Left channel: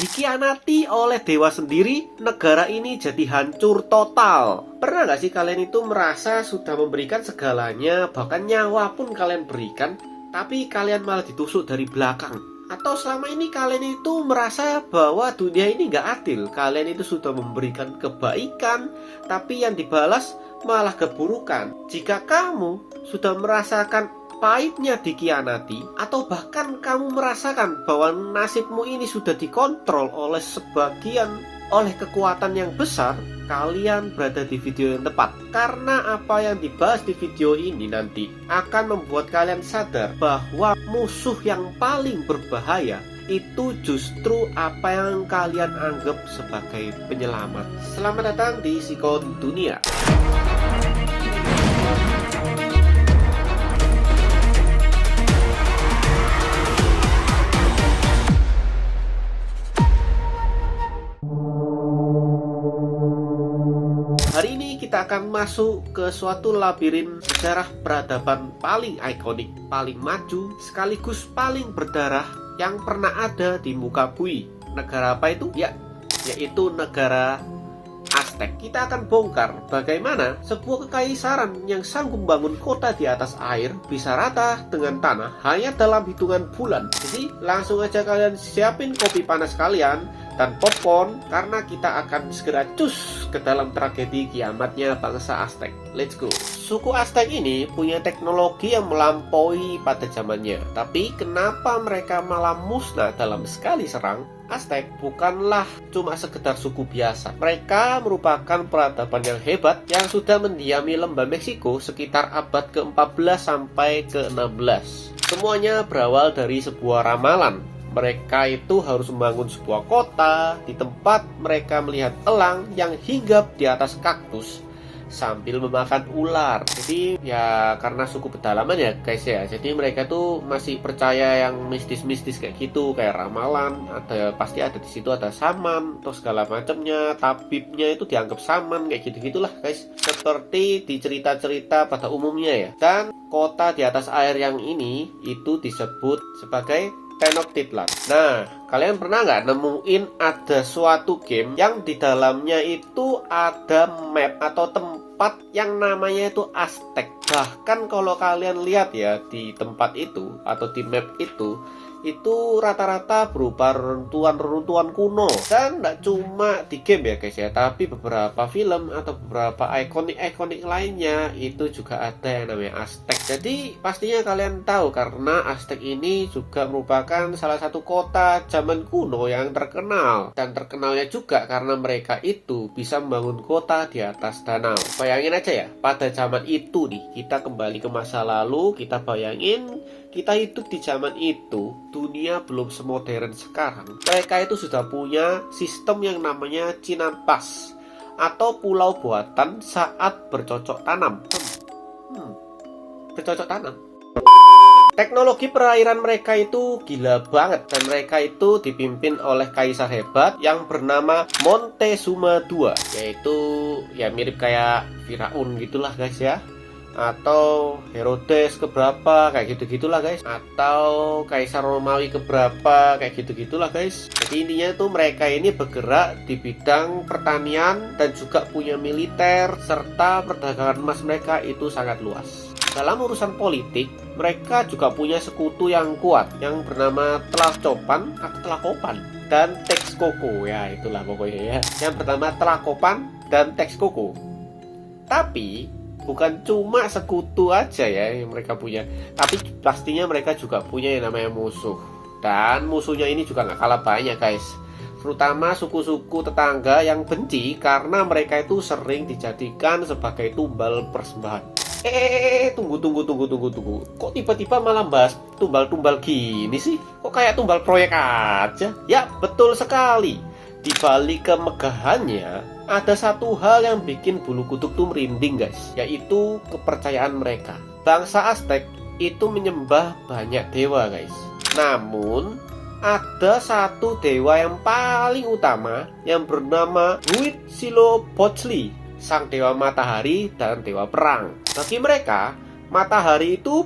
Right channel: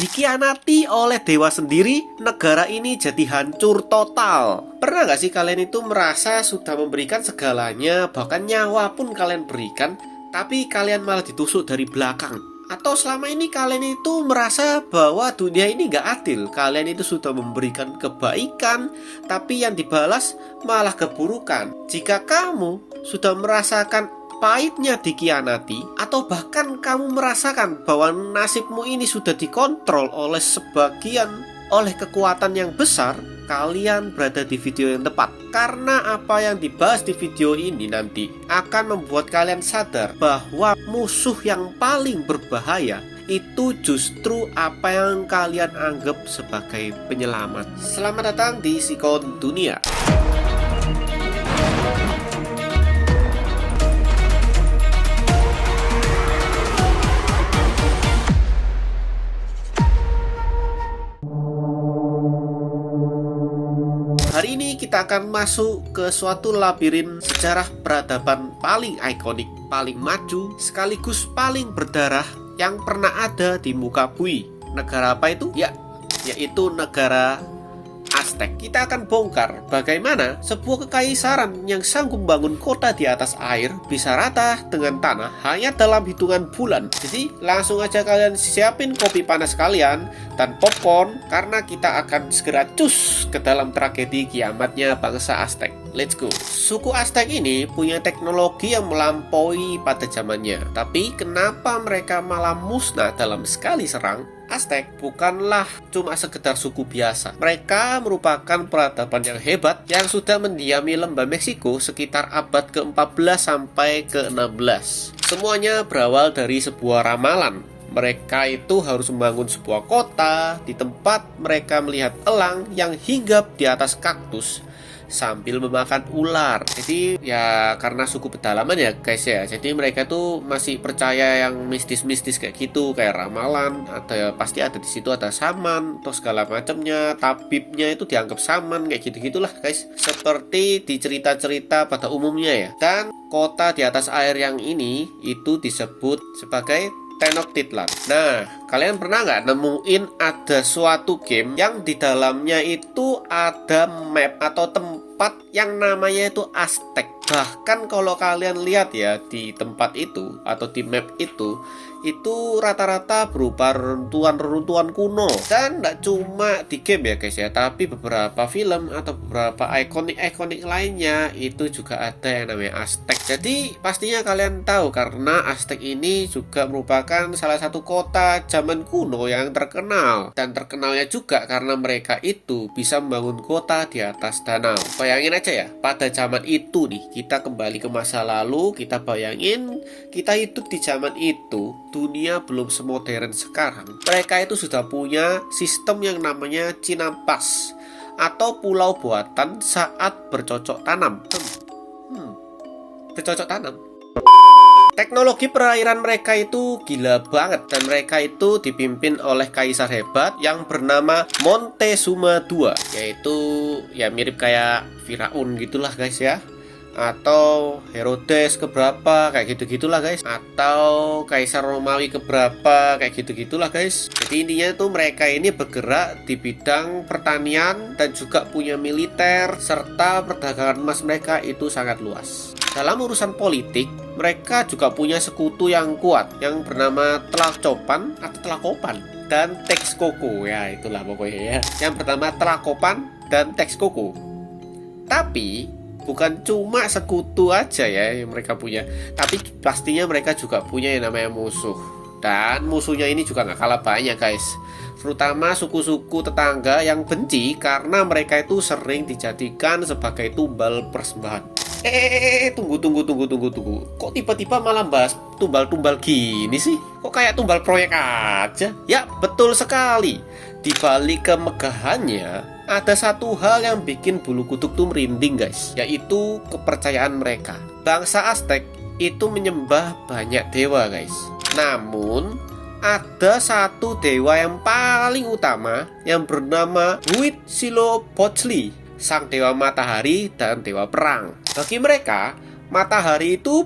Dikhianati oleh dewa sendiri, negara ini jadi hancur total. Pernah gak sih kalian itu merasa sudah memberikan segalanya, bahkan nyawa pun kalian berikan, tapi kalian malah ditusuk dari belakang? Atau selama ini kalian itu merasa bahwa dunia ini gak adil, kalian itu sudah memberikan kebaikan, tapi yang dibalas malah keburukan? Jika kamu sudah merasakan pahitnya dikhianati, atau bahkan kamu merasakan bahwa nasibmu ini sudah dikontrol oleh kekuatan yang besar, kalian berada di video yang tepat. Karena apa yang dibahas di video ini nanti akan membuat kalian sadar bahwa musuh yang paling berbahaya itu justru apa yang kalian anggap sebagai penyelamat. Selamat datang di Sikon Dunia. Hari ini kita akan masuk ke suatu labirin sejarah peradaban paling ikonik, paling maju, sekaligus paling berdarah yang pernah ada di muka bumi. Negara apa itu? Yaitu negara Aztec. Kita akan bongkar bagaimana sebuah kekaisaran yang sanggup bangun kota di atas air bisa rata dengan tanah hanya dalam hitungan bulan. Jadi langsung aja kalian siapin kopi panas kalian dan popcorn, karena kita akan segera cus ke dalam tragedi kiamatnya bangsa Aztec. Let's go. Suku Aztec ini punya teknologi yang melampaui pada zamannya. Tapi kenapa mereka malah musnah dalam sekali serang? Aztec bukanlah cuma sekedar suku biasa. Mereka merupakan peradaban yang hebat yang sudah mendiami lembah Meksiko sekitar abad ke-14 sampai ke-16. Semuanya berawal dari sebuah ramalan. Mereka itu harus membangun sebuah kota di tempat mereka melihat elang yang hinggap di atas kaktus sambil memakan ular. Jadi ya karena suku pedalaman ya guys ya, jadi mereka tuh masih percaya yang mistis-mistis kayak gitu, kayak ramalan, pasti ada di situ ada saman atau segala macamnya, tabibnya itu dianggap saman kayak gitu-gitulah guys, seperti di cerita-cerita pada umumnya ya. Dan kota di atas air yang ini itu disebut sebagai Tenochtitlan. Nah, kalian pernah nggak nemuin ada suatu game yang di dalamnya itu ada map atau tempat yang namanya itu Aztec? Bahkan kalau kalian lihat ya di tempat itu atau di map itu rata-rata berupa reruntuhan kuno. Dan nggak cuma di game ya guys ya, tapi beberapa film atau beberapa ikonik lainnya itu juga ada yang namanya Aztec. Jadi pastinya kalian tahu karena Aztec ini juga merupakan salah satu kota zaman kuno yang terkenal. Dan terkenalnya juga karena mereka itu bisa membangun kota di atas danau. Bayangin aja ya, pada zaman itu nih, kita kembali ke masa lalu, kita bayangin kita hidup di zaman itu. Dunia belum semodern sekarang. Mereka itu sudah punya sistem yang namanya Chinampas atau pulau buatan saat bercocok tanam. Bercocok tanam. Teknologi perairan mereka itu gila banget, dan mereka itu dipimpin oleh kaisar hebat yang bernama Montezuma II, yaitu ya mirip kayak Firaun gitulah guys ya, atau Herodes keberapa kayak gitu-gitulah guys, atau Kaisar Romawi keberapa kayak gitu-gitulah guys. Jadi intinya tuh mereka ini bergerak di bidang pertanian dan juga punya militer, serta perdagangan emas mereka itu sangat luas. Dalam urusan politik, mereka juga punya sekutu yang kuat yang bernama Tlacopan atau Tlacopan dan Texcoco, ya itulah pokoknya ya. Yang pertama Tlacopan dan Texcoco. Tapi bukan cuma sekutu aja ya yang mereka punya, tapi pastinya mereka juga punya yang namanya musuh. Dan musuhnya ini juga nggak kalah banyak guys, terutama suku-suku tetangga yang benci karena mereka itu sering dijadikan sebagai tumbal persembahan. Tunggu. Kok tiba-tiba malah bahas tumbal-tumbal gini sih? Kok kayak tumbal proyek aja? Ya, betul sekali. Di balik kemegahannya, ada satu hal yang bikin bulu kuduk tuh merinding guys, yaitu kepercayaan mereka. Bangsa Aztec itu menyembah banyak dewa guys. Namun ada satu dewa yang paling utama yang bernama Huitzilopochtli, sang dewa matahari dan dewa perang. Bagi mereka, matahari itu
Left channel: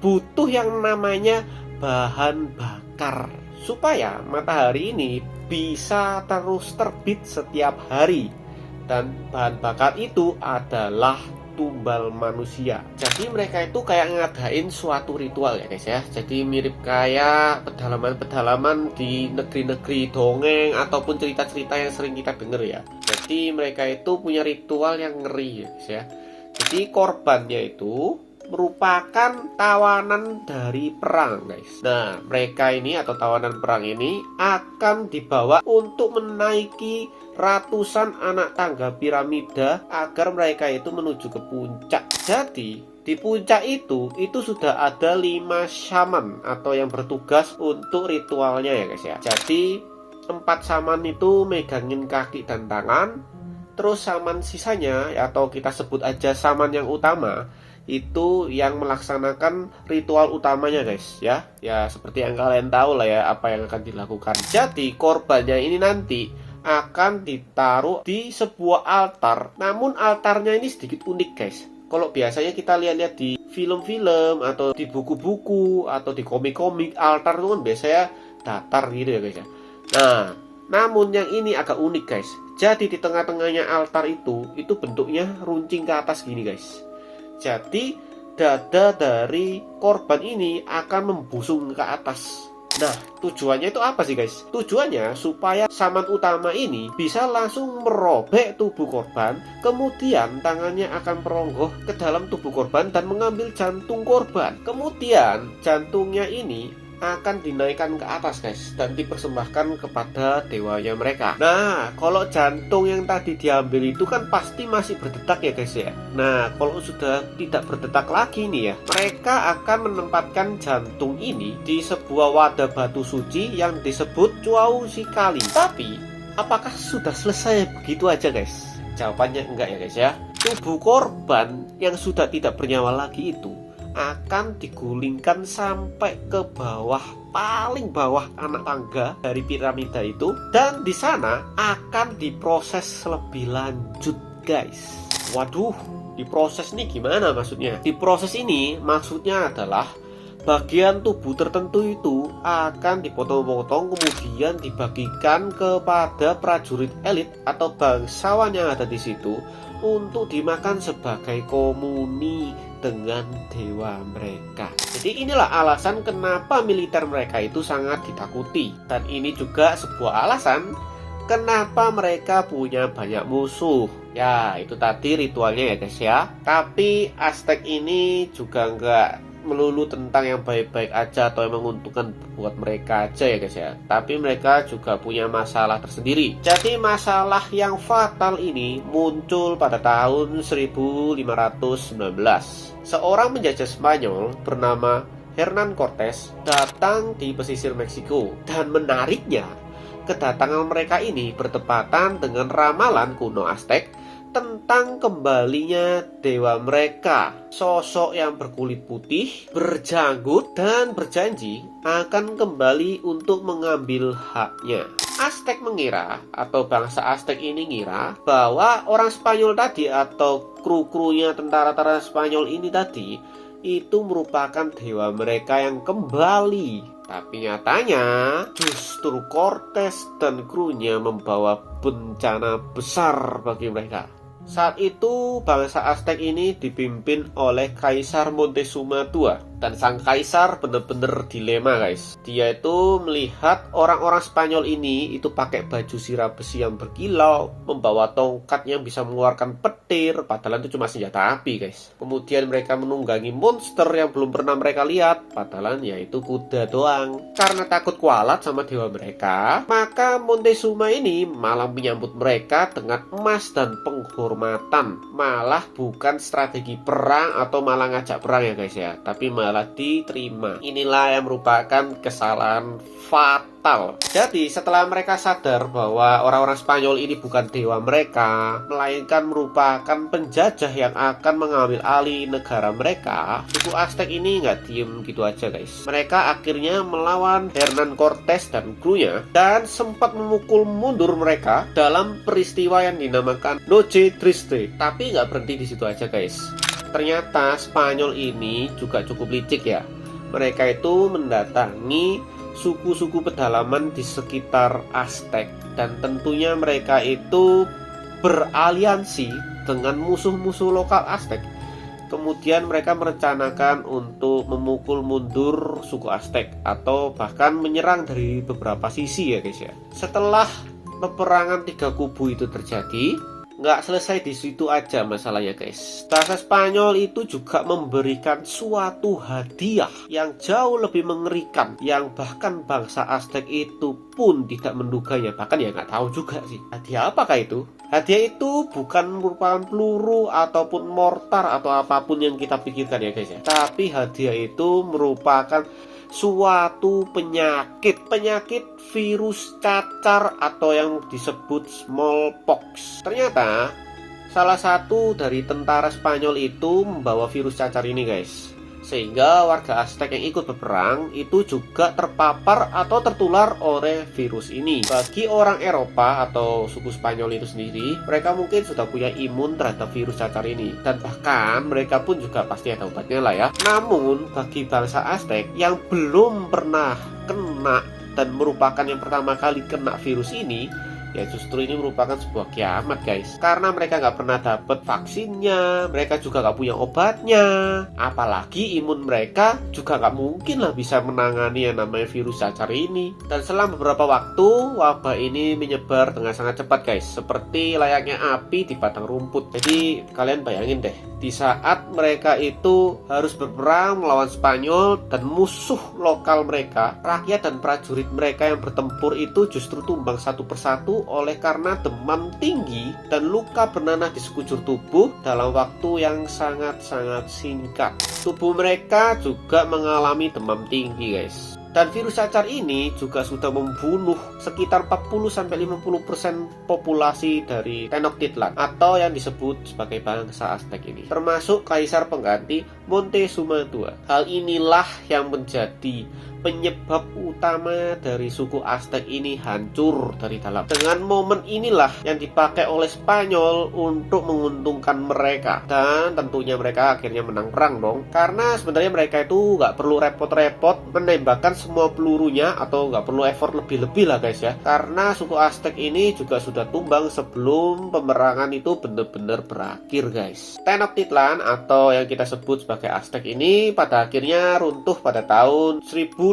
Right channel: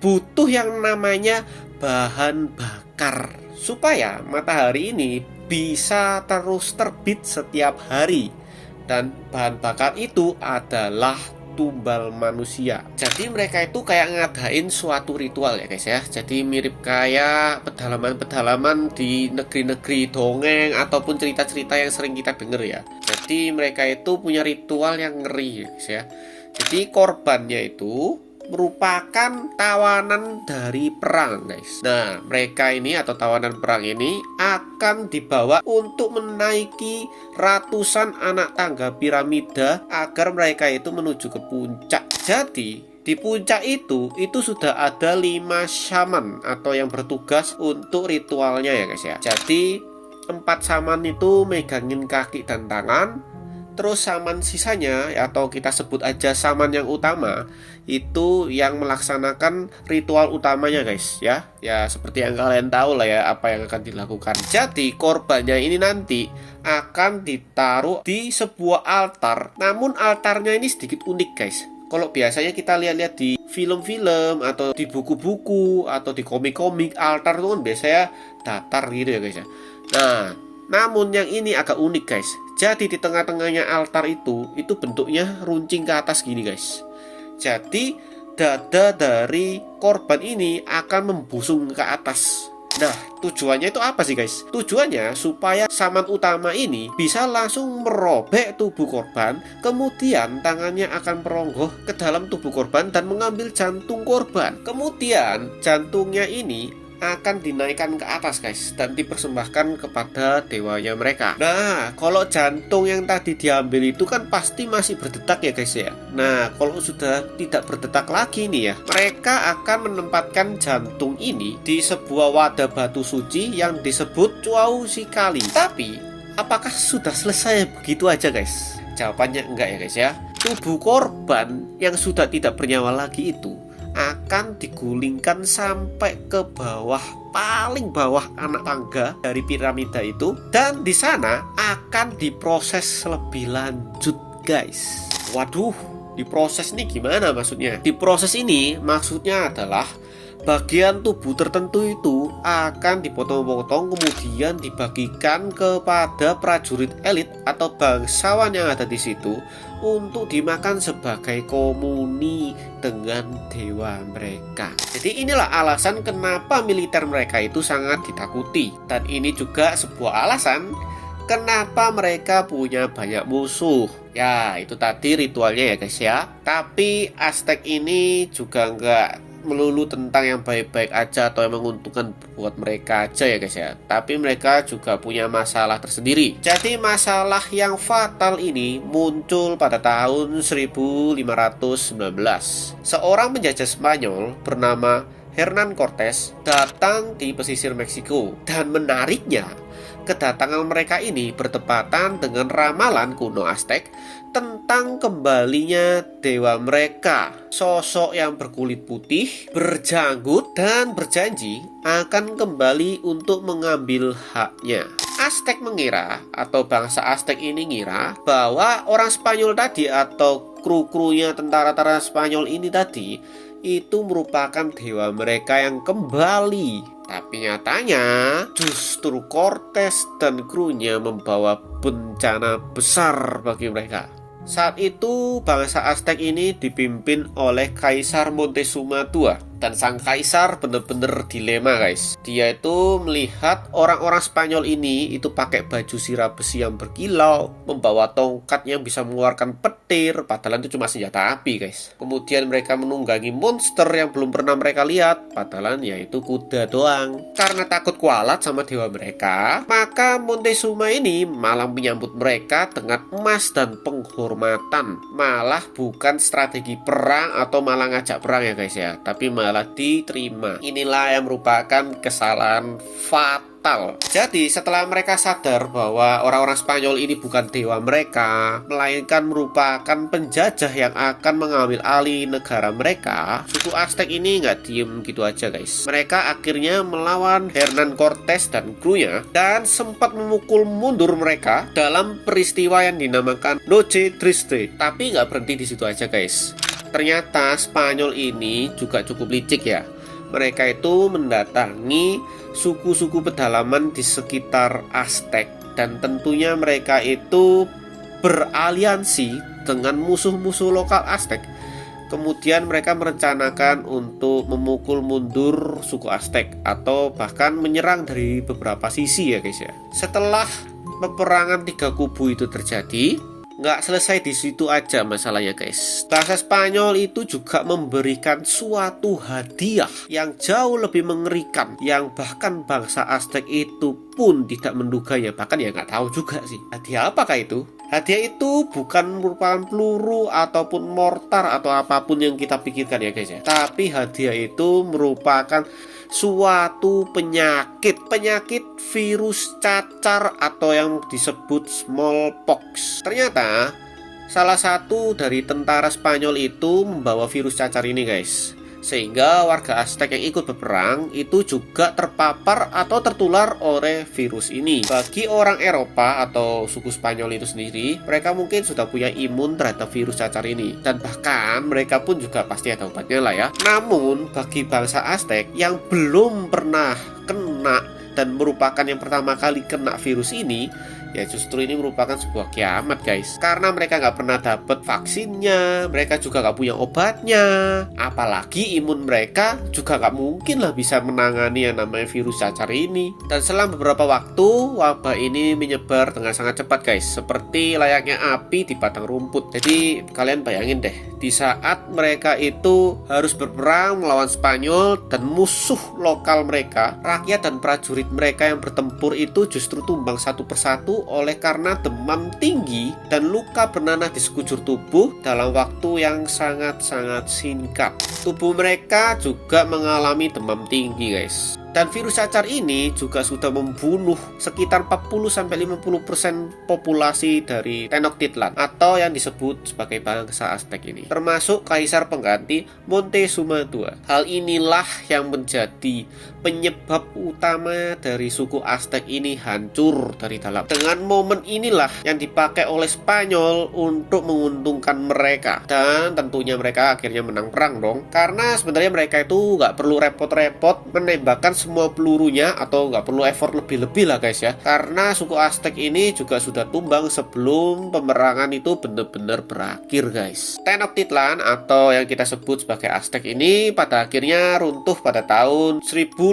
butuh yang namanya bahan bakar supaya matahari ini bisa terus terbit setiap hari. Dan bahan bakar itu adalah tumbal manusia. Jadi mereka itu kayak ngadain suatu ritual ya guys ya. Jadi mirip kayak pedalaman-pedalaman di negeri-negeri dongeng ataupun cerita-cerita yang sering kita denger ya. Jadi mereka itu punya ritual yang ngeri ya guys ya. Jadi korbannya itu merupakan tawanan dari perang guys. Nah mereka ini atau tawanan perang ini akan dibawa untuk menaiki ratusan anak tangga piramida agar mereka itu menuju ke puncak. Jadi di puncak itu sudah ada 5 shaman atau yang bertugas untuk ritualnya ya guys ya. Jadi 4 shaman itu megangin kaki dan tangan. Terus shaman sisanya atau kita sebut aja shaman yang utama itu yang melaksanakan ritual utamanya guys ya. Ya seperti yang kalian tahu lah ya apa yang akan dilakukan. Jadi korbannya ini nanti akan ditaruh di sebuah altar. Namun altarnya ini sedikit unik guys. Kalau biasanya kita lihat-lihat di film-film atau di buku-buku atau di komik-komik, altar itu kan biasanya datar gitu ya guys ya. Nah namun yang ini agak unik guys. Jadi di tengah-tengahnya altar itu bentuknya runcing ke atas gini guys. Jadi dada dari korban ini akan membusung ke atas. Nah tujuannya itu apa sih guys? Tujuannya supaya shaman utama ini bisa langsung merobek tubuh korban. Kemudian tangannya akan meronggoh ke dalam tubuh korban dan mengambil jantung korban. Kemudian jantungnya ini akan dinaikkan ke atas guys dan dipersembahkan kepada dewanya mereka. Nah kalau jantung yang tadi diambil itu kan pasti masih berdetak ya guys ya. Nah kalau sudah tidak berdetak lagi nih ya, mereka akan menempatkan jantung ini di sebuah wadah batu suci yang disebut Cuau Sikali. Tapi apakah sudah selesai begitu aja guys? Jawabannya enggak ya guys ya. Tubuh korban yang sudah tidak bernyawa lagi itu akan digulingkan sampai ke bawah, paling bawah anak tangga dari piramida itu, dan di sana akan diproses lebih lanjut guys. Waduh, diproses nih gimana maksudnya? Diproses ini maksudnya adalah bagian tubuh tertentu itu akan dipotong-potong kemudian dibagikan kepada prajurit elit atau bangsawan yang ada di situ untuk dimakan sebagai komuni dengan dewa mereka. Jadi inilah alasan kenapa militer mereka itu sangat ditakuti, dan ini juga sebuah alasan kenapa mereka punya banyak musuh. Ya itu tadi ritualnya ya guys ya. Tapi Aztec ini juga enggak melulu tentang yang baik-baik aja atau yang menguntungkan buat mereka aja ya guys ya. Tapi mereka juga punya masalah tersendiri. Jadi masalah yang fatal ini muncul pada tahun 1519. Seorang penjajah Spanyol bernama Hernán Cortés datang di pesisir Meksiko. Dan menariknya, kedatangan mereka ini bertepatan dengan ramalan kuno Aztec tentang kembalinya dewa mereka. Sosok yang berkulit putih, berjanggut, dan berjanji akan kembali untuk mengambil haknya. Aztec mengira, atau bangsa Aztec ini ngira, bahwa orang Spanyol tadi atau kru-krunya tentara-tentara Spanyol ini tadi itu merupakan dewa mereka yang kembali. Tapi nyatanya justru Cortés dan krunya membawa bencana besar bagi mereka. Saat itu bangsa Aztec ini dipimpin oleh Kaisar Montezuma II. Dan sang kaisar bener-bener dilema guys. Dia itu melihat orang-orang Spanyol ini itu pakai baju sirah besi yang berkilau, membawa tongkat yang bisa mengeluarkan petir, padahal itu cuma senjata api guys. Kemudian mereka menunggangi monster yang belum pernah mereka lihat, padahal yaitu kuda doang. Karena takut kualat sama dewa mereka, maka Montezuma ini malah menyambut mereka dengan emas dan penghormatan. Malah bukan strategi perang atau malah ngajak perang ya guys ya, tapi malah diterima. Inilah yang merupakan kesalahan fatal. Jadi setelah mereka sadar bahwa orang-orang Spanyol ini bukan dewa mereka, melainkan merupakan penjajah yang akan mengambil alih negara mereka, suku Aztec ini nggak diem gitu aja guys. Mereka akhirnya melawan Hernán Cortés dan krunya dan sempat memukul mundur mereka dalam peristiwa yang dinamakan Noche Triste. Tapi nggak berhenti di situ aja guys. Ternyata Spanyol ini juga cukup licik ya. Mereka itu mendatangi suku-suku pedalaman di sekitar Aztec, dan tentunya mereka itu beraliansi dengan musuh-musuh lokal Aztec. Kemudian mereka merencanakan untuk memukul mundur suku Aztec atau bahkan menyerang dari beberapa sisi ya guys ya. Setelah peperangan tiga kubu itu terjadi, nggak selesai di situ aja masalahnya guys. Bangsa Spanyol itu juga memberikan suatu hadiah yang jauh lebih mengerikan, yang bahkan bangsa Aztec itu pun tidak menduganya, bahkan ya nggak tahu juga sih. Hadiah apakah itu? Hadiah itu bukan merupakan peluru ataupun mortar atau apapun yang kita pikirkan ya guys ya. Tapi hadiah itu merupakan suatu penyakit virus cacar atau yang disebut smallpox. Ternyata salah satu dari tentara Spanyol itu membawa virus cacar ini guys, sehingga warga Aztec yang ikut berperang itu juga terpapar atau tertular oleh virus ini. Bagi orang Eropa atau suku Spanyol itu sendiri, mereka mungkin sudah punya imun terhadap virus cacar ini, dan bahkan mereka pun juga pasti ada obatnya lah ya. Namun bagi bangsa Aztec yang belum pernah kena dan merupakan yang pertama kali kena virus ini, ya justru ini merupakan sebuah kiamat guys. Karena mereka nggak pernah dapat vaksinnya, mereka juga nggak punya obatnya, apalagi imun mereka juga nggak mungkin lah bisa menangani yang namanya virus cacar ini. Dan selang beberapa waktu, wabah ini menyebar dengan sangat cepat guys, seperti layaknya api di padang rumput. Jadi kalian bayangin deh, di saat mereka itu harus berperang melawan Spanyol dan musuh lokal mereka, rakyat dan prajurit mereka yang bertempur itu justru tumbang satu persatu oleh karena demam tinggi dan luka bernanah di sekujur tubuh dalam waktu yang sangat-sangat singkat. Tubuh mereka juga mengalami demam tinggi guys. Dan virus cacar ini juga sudah membunuh sekitar 40-50% populasi dari Tenochtitlan atau yang disebut sebagai bangsa Aztec ini, termasuk kaisar pengganti Montezuma II. Hal inilah yang menjadi penyebab utama dari suku Aztec ini hancur dari dalam. Dengan momen inilah yang dipakai oleh Spanyol untuk menguntungkan mereka, dan tentunya mereka akhirnya menang perang dong, karena sebenarnya mereka itu nggak perlu repot-repot menembakkan semua pelurunya atau nggak perlu effort lebih-lebih lah guys ya, karena suku Aztec ini juga sudah tumbang sebelum peperangan itu benar-benar berakhir guys. Tenochtitlan atau yang kita sebut sebagai Aztec ini pada akhirnya runtuh pada tahun 1521.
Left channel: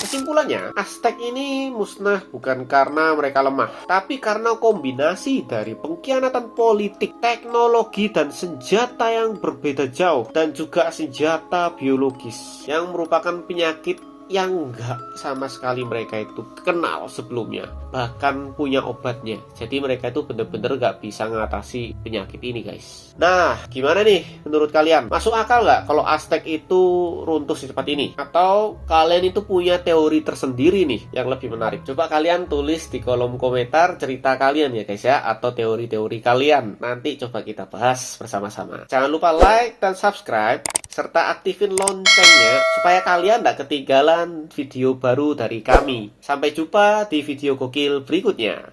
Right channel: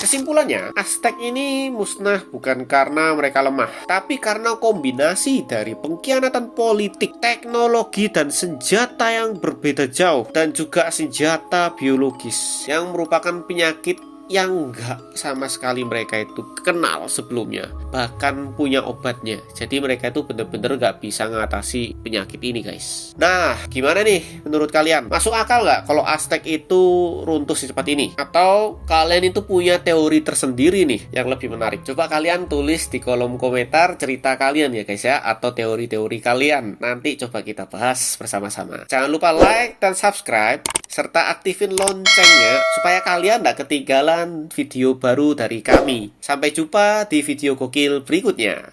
Kesimpulannya, Aztec ini musnah bukan karena mereka lemah, tapi karena kombinasi dari pengkhianatan politik, teknologi, dan senjata yang berbeda jauh, dan juga senjata biologis yang merupakan penyakit yang enggak sama sekali mereka itu kenal sebelumnya, bahkan punya obatnya. Jadi mereka itu bener-bener gak bisa mengatasi penyakit ini guys. Nah, gimana nih menurut kalian? Masuk akal gak kalau Aztec itu runtuh secepat ini? Atau kalian itu punya teori tersendiri nih yang lebih menarik? Coba kalian tulis di kolom komentar cerita kalian ya guys ya, atau teori-teori kalian. Nanti coba kita bahas bersama-sama. Jangan lupa like dan subscribe, serta aktifin loncengnya supaya kalian gak ketinggalan video baru dari kami. Sampai jumpa di video gokil berikutnya.